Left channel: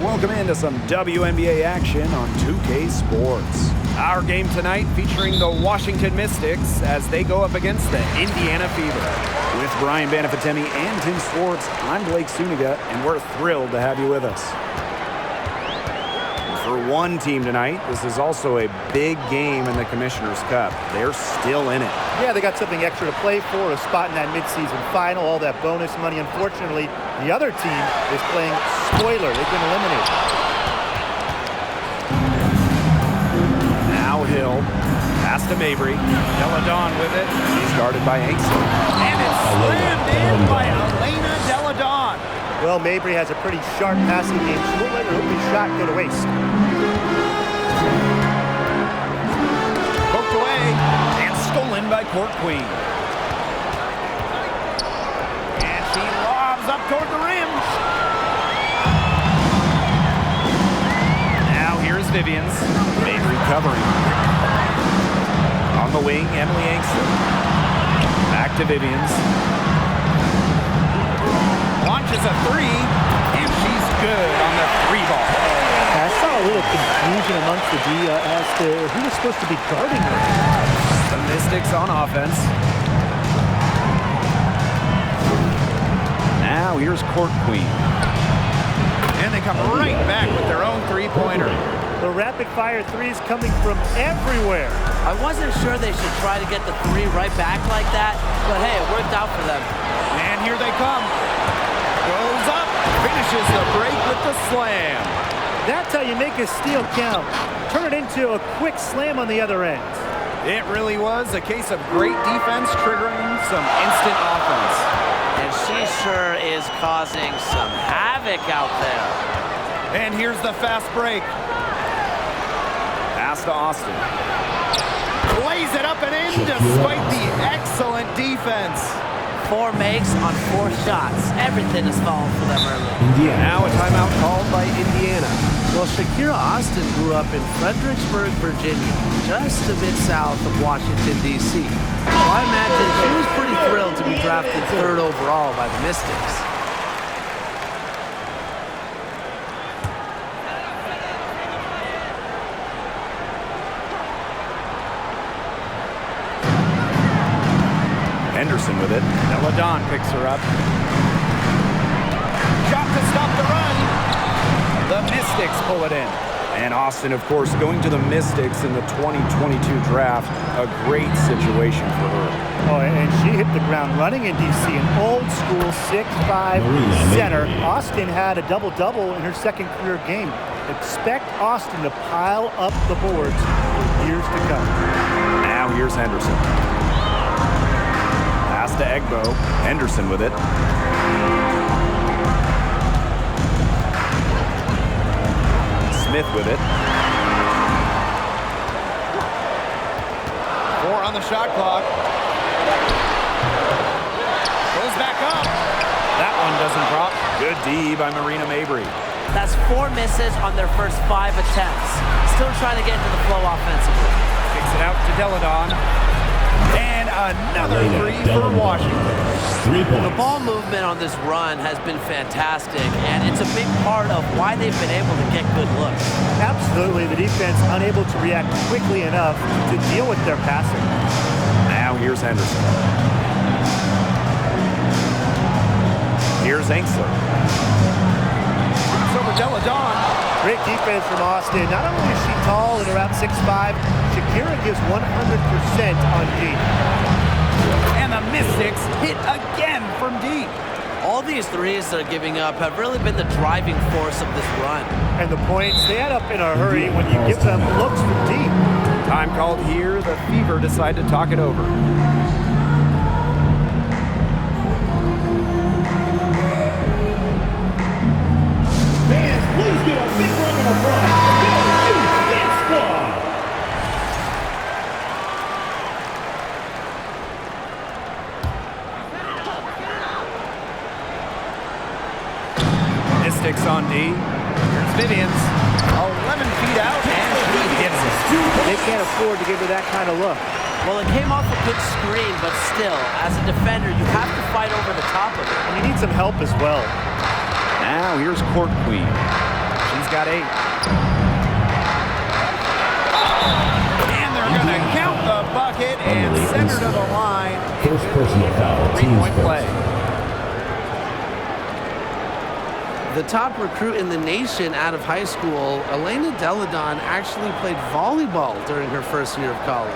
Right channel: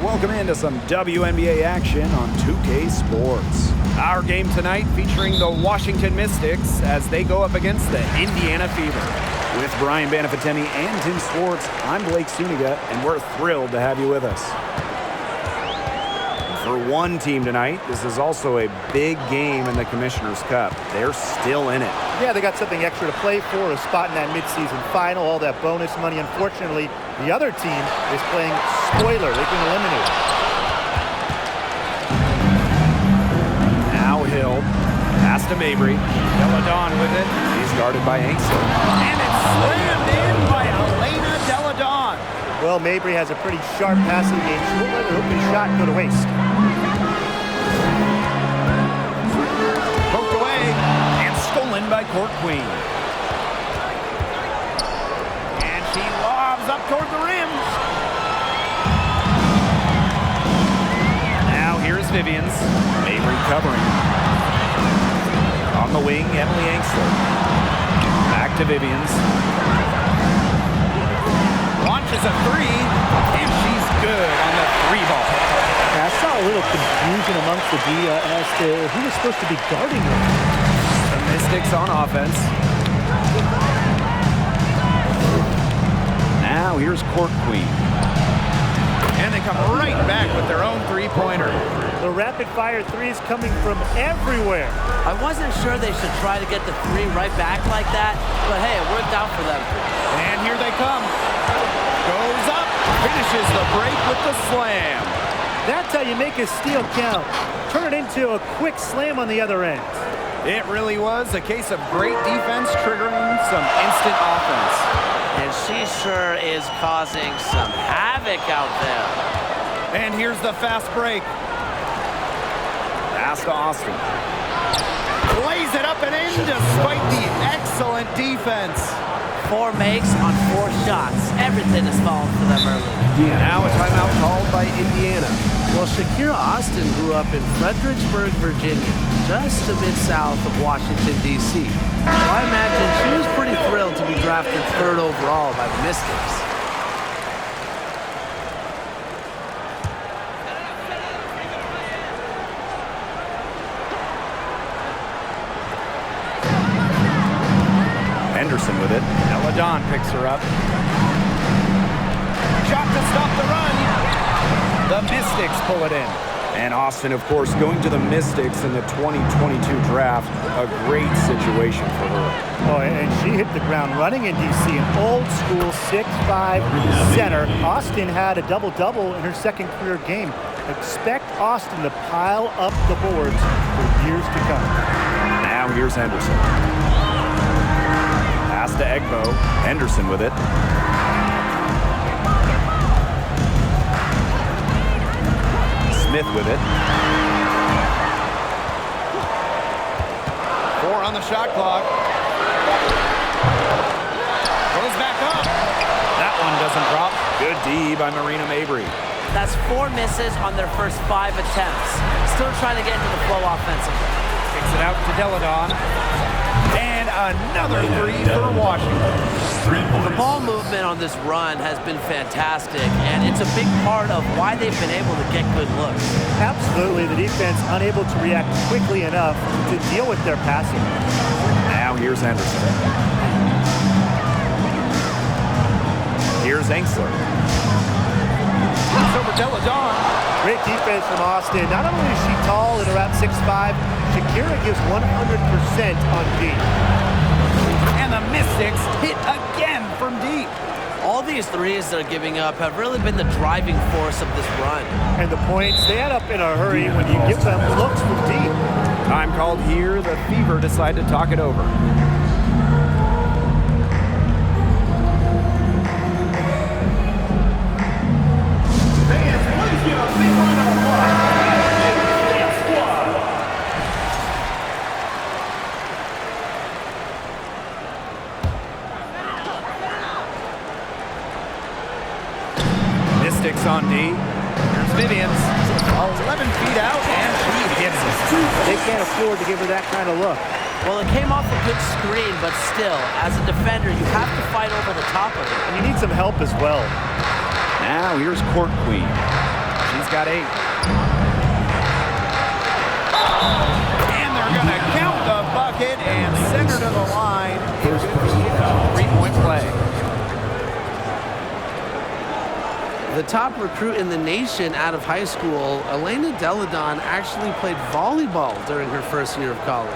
Welcome into some WNBA action on 2K Sports. Our game tonight featuring the Washington Mystics as they go up against the Indiana Fever. With Brian Banafitemi and Tim Swartz, I'm Blake Suniga, and we're thrilled to have you with us. And for one team tonight, this is also a big game in the Commissioner's Cup. They're still in it. Yeah, they got something extra to play for, a spot in that midseason final, all that bonus money. Unfortunately, the other team is playing spoiler. They've been eliminated. Now Hill, pass to Mabry. Deladon with it. She's guarded by Angstrom. And it's slammed in by Elena Deladon. Well, Mabry has a pretty sharp passing game. She won't let her open shot go to waste. Poked away and stolen by Court Queen. And she lobs up toward the rim. Now here's Vivians. Mabry covering. On the wing, Emily Angstler. Back to Vivians. Launches a three, and she's good on the three ball. I saw a little confusion amongst the D as to who was supposed to be guarding her. The Mystics on offense. Now here's Court Queen. And they come right back with their own three-pointer. The rapid-fire threes coming from everywhere. I wasn't sure they should try to get the three right back like that, but hey, it worked out for them. And here they come. Goes up, finishes the break with the slam. That's how you make a steal count. Turn it into a quick slam on the other end. It really was a case of great defense triggering some instant offense. And she sure is causing some havoc out there. And here's the fast break. Pass to Austin. Lays it up and in despite the excellent defense. 4 makes on 4 shots. Everything is falling for them early. Now a timeout called by Indiana. Well, Shakira Austin grew up in Fredericksburg, Virginia, just a bit south of Washington, D.C. So I imagine she was pretty thrilled to be drafted 3rd overall by the Mystics. Henderson with it. Deladon picks her up. Shot to stop the run. The Mystics pull it in. And Austin, of course, going to the Mystics in the 2022 draft. A great situation for her. Oh, and she hit the ground running in D.C. An old-school 6'5" center. Austin had a double-double in her second career game. Expect Austin to pile up the boards for years to come. Now here's Henderson. Pass to Egbo. Henderson with it. Smith with it. 4 on the shot clock. Goes back up. That one doesn't drop. Good D by Marina Mabry. That's 4 misses on their first 5 attempts. Still trying to get into the flow offensively. Kicks it out to Deladon. And another three for Washington. The ball movement on this run has been fantastic, and it's a big part of why they've been able to get good looks. Absolutely, the defense unable to react quickly enough to deal with their passing. Now here's Henderson. Here's Angstler. It's over Deladon. Great defense from Austin. Not only is she tall and around 6'5", Shakira gives 100% on D. And the Mystics hit again from deep. All these threes they're giving up have really been the driving force of this run. And the points, they add up in a hurry when you give them looks from deep. Time called here. The Fever decide to talk it over. Fans, please give a big round of applause. Mystics on D. Here's Vivians. 11 feet out, and she hits it. They can't afford to give her that kind of look. Well, it came off a good screen, but still, as a defender, you have to fight over the top of it. And you need some help as well. Now here's Court Queen. She's got 8. And they're going to count the bucket and send her to the line. It could be a 3-point play. The top recruit in the nation out of high school, Elena Deladon, actually played volleyball during her first year of college.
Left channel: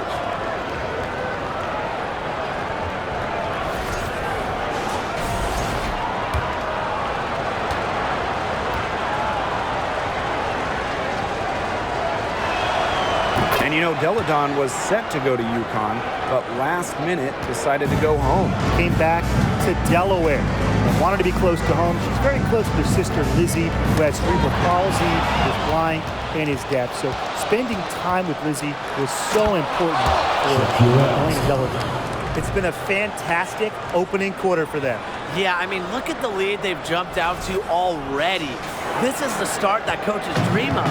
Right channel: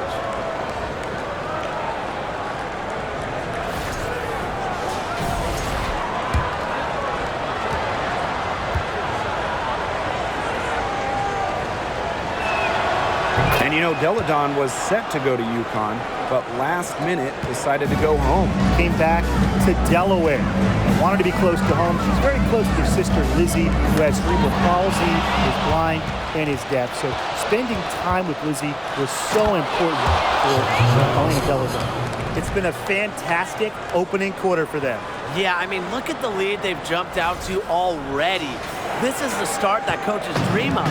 And you know, Deladon was set to go to UConn, but last minute decided to go home. Came back to Delaware and wanted to be close to home. She's very close to her sister Lizzie, who has cerebral palsy, is blind, and is deaf. So spending time with Lizzie was so important for Elena Deladon. It's been a fantastic opening quarter for them. Yeah, I mean, look at the lead they've jumped out to already. This is the start that coaches dream of.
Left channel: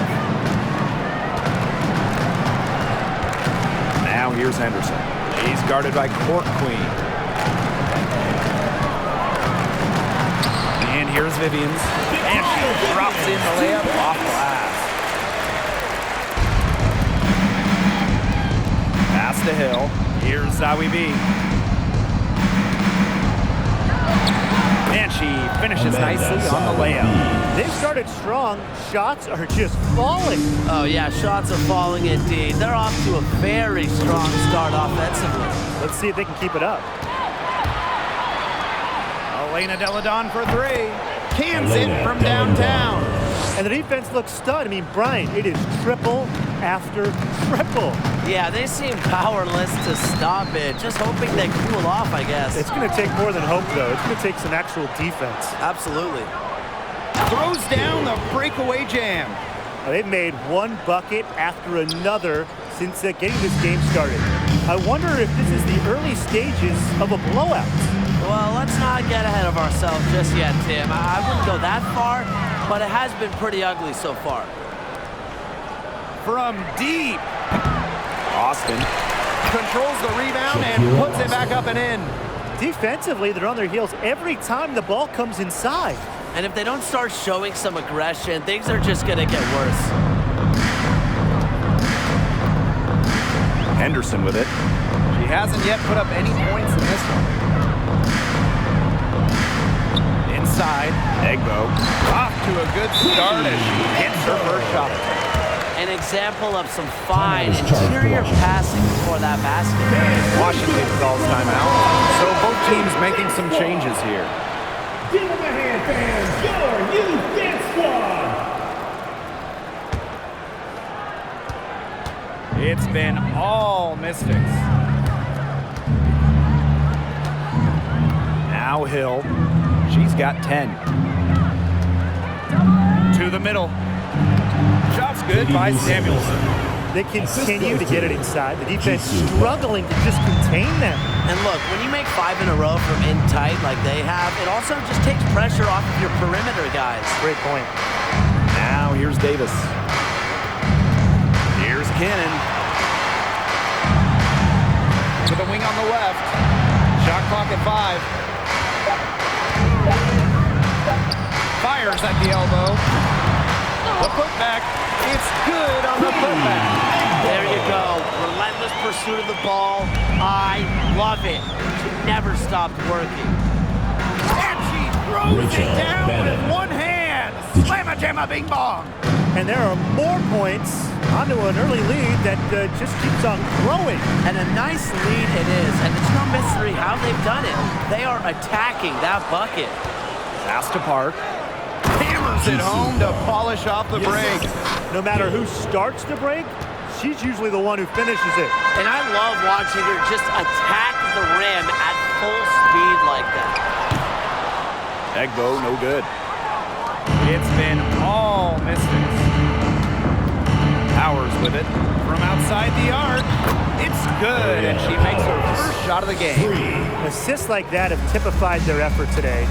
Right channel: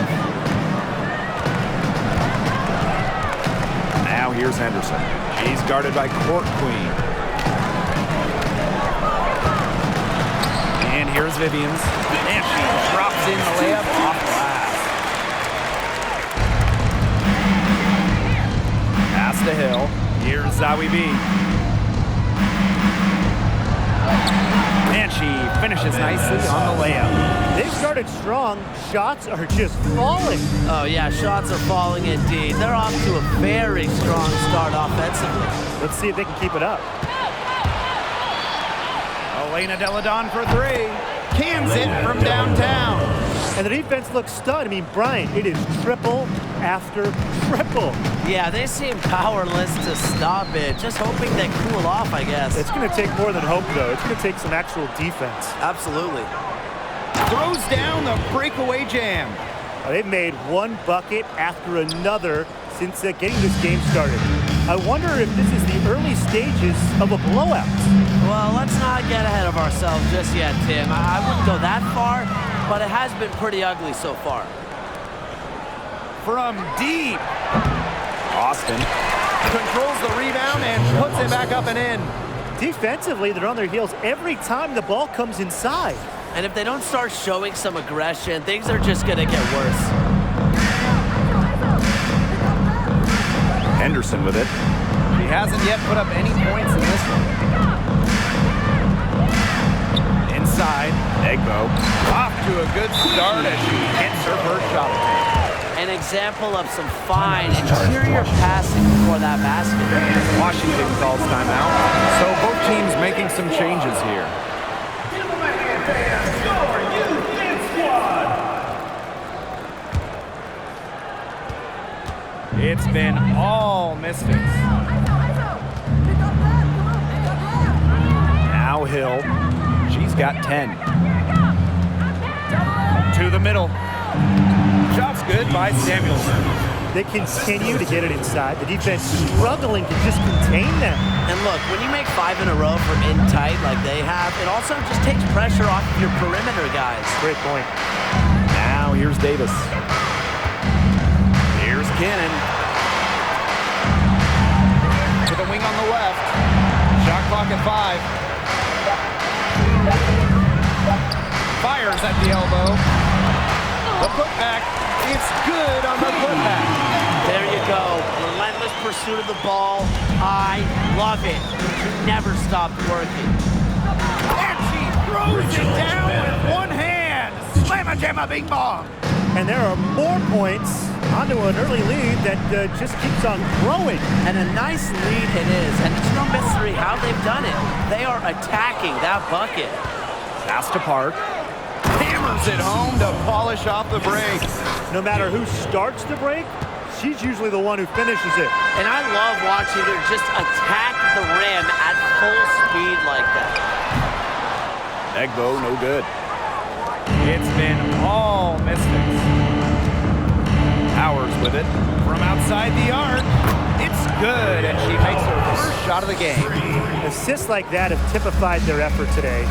Now here's Henderson. She's guarded by Court Queen. And here's Vivians. And she drops in the layup off glass. Pass to Hill. Here's Zawi B. And she finishes nicely on the layup. They've started strong. Shots are just falling. Oh, yeah, shots are falling indeed. They're off to a very strong start offensively. Let's see if they can keep it up. Elena Deladon for 3. Cans it from downtown. And the defense looks stunned. I mean, Brian, it is triple after triple. Yeah, they seem powerless to stop it. Just hoping they cool off, I guess. It's going to take more than hope, though. It's going to take some actual defense. Absolutely. Throws down the breakaway jam. They've made one bucket after another since getting this game started. I wonder if this is the early stages of a blowout. Well, let's not get ahead of ourselves just yet, Tim. I wouldn't go that far, but it has been pretty ugly so far. From deep. Austin controls the rebound and puts it back up and in. Defensively, they're on their heels every time the ball comes inside. And if they don't start showing some aggression, things are just going to get worse. Henderson with it. She hasn't yet put up any points in this one. Inside, Egbo off to a good start as she hits her first shot attempt. An example of some fine interior passing before that basket. Washington calls timeout, so both teams making some changes here. Give them a hand, fans. Your youth dance squad. It's been all Mystics. Now Hill. She's got 10. To the middle. Shot's good by Samuelson. They continue to get it inside. The defense struggling to just contain them. And look, when you make 5 in a row from in tight like they have, it also just takes pressure off of your perimeter guys. Great point. Now here's Davis. Here's Cannon. To the wing on the left. Shot clock at 5. Fires at the elbow. The putback. It's good on the putback. There you go. Relentless pursuit of the ball. I love it. She never stopped working. And she throws it down with one hand. Slamma-jamma bing bong. And there are more points onto an early lead that just keeps on growing. And a nice lead it is. And it's no mystery how they've done it. They are attacking that bucket. Pass to Park. Hammers it home to polish off the break. No matter who starts the break, she's usually the one who finishes it. And I love watching her just attack the rim at full speed like that. Egbo, no good. It's been all Mystics. Powers with it from outside the arc. It's good, and she makes her first shot of the game. Assists like that have typified their effort today.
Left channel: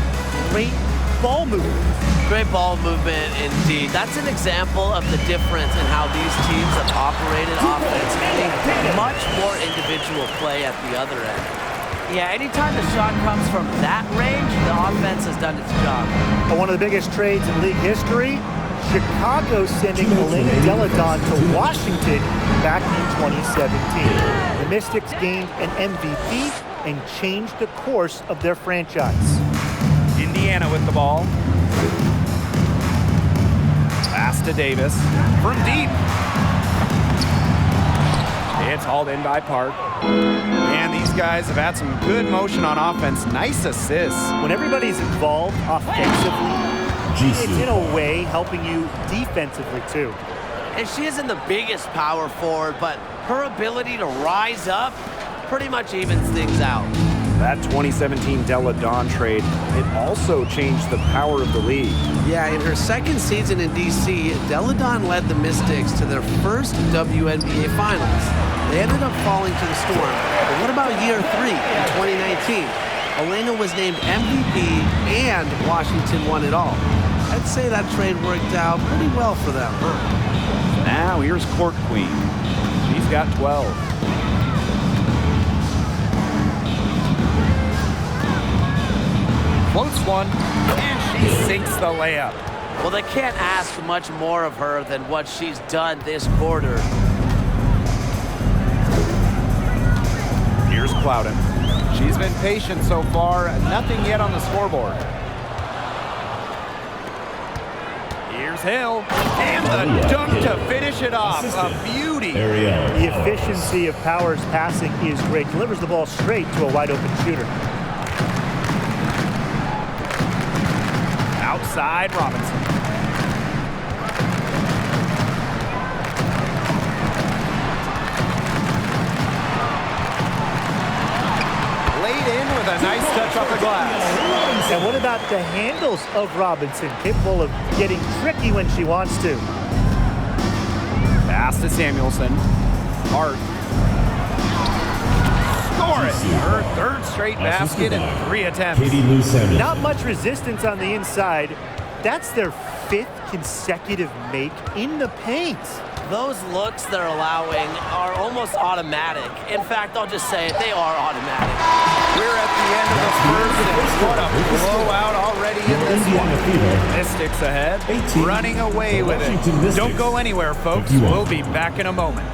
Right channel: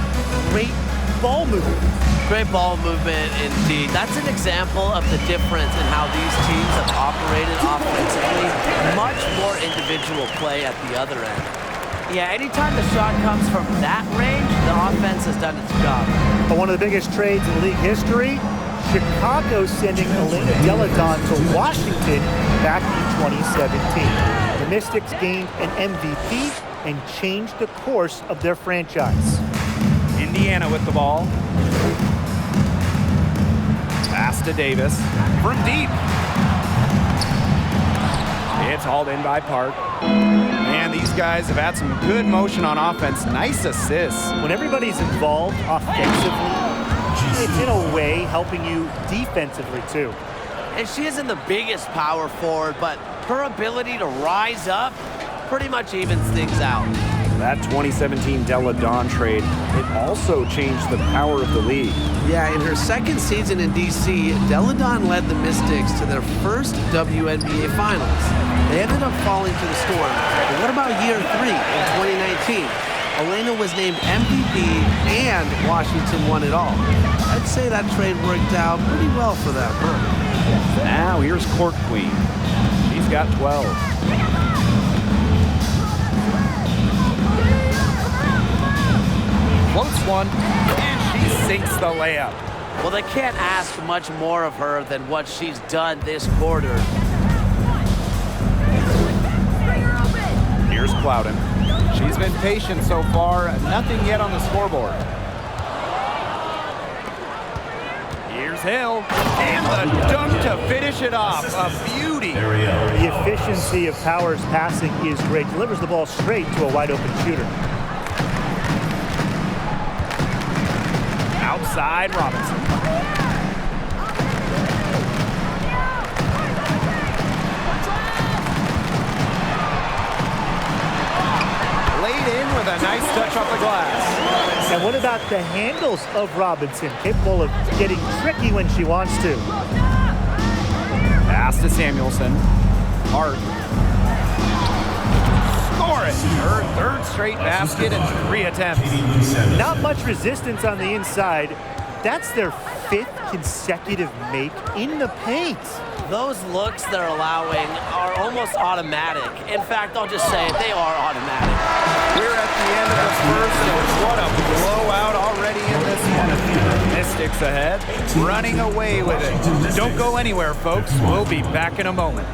Great ball movement. Great ball movement indeed. That's an example of the difference in how these teams have operated offensively. Much more individual play at the other end. Yeah, anytime the shot comes from that range, the offense has done its job. But one of the biggest trades in league history, Chicago sending Elena Deladon to Washington back in 2017. The Mystics gained an MVP and changed the course of their franchise. Indiana with the ball. Pass to Davis from deep. It's hauled in by Park. And these guys have had some good motion on offense. Nice assists. When everybody's involved offensively, it's in a way helping you defensively too. And she isn't the biggest power forward, but her ability to rise up pretty much evens things out. That 2017 Deladon trade, it also changed the power of the league. Yeah, in her second season in D.C., Deladon led the Mystics to their first WNBA Finals. They ended up falling to the Storm. But what about year 3 in 2019? Elena was named MVP and Washington won it all. I'd say that trade worked out pretty well for them, huh? Now here's Court Queen. She's got 12. Floats one, and she sinks the layup. Well, they can't ask much more of her than what she's done this quarter. Here's Clouden. She's been patient so far, nothing yet on the scoreboard. Here's Hill, and the dunk to finish it off. A beauty. The efficiency of Powers' passing is great. Delivers the ball straight to a wide-open shooter. Outside Robinson. Laid in with a nice touch off the glass. And what about the handles of Robinson? Capable of getting tricky when she wants to. Pass to Samuelson. Hart. Score it. Her third straight basket in 3 attempts. Not much resistance on the inside. That's their 5th consecutive make in the paint. Those looks they're allowing are almost automatic. In fact, I'll just say it, they are automatic. We're at the end of the first, and what a blowout already in this one. Mystics ahead, running away with it. Don't go anywhere, folks. We'll be back in a moment.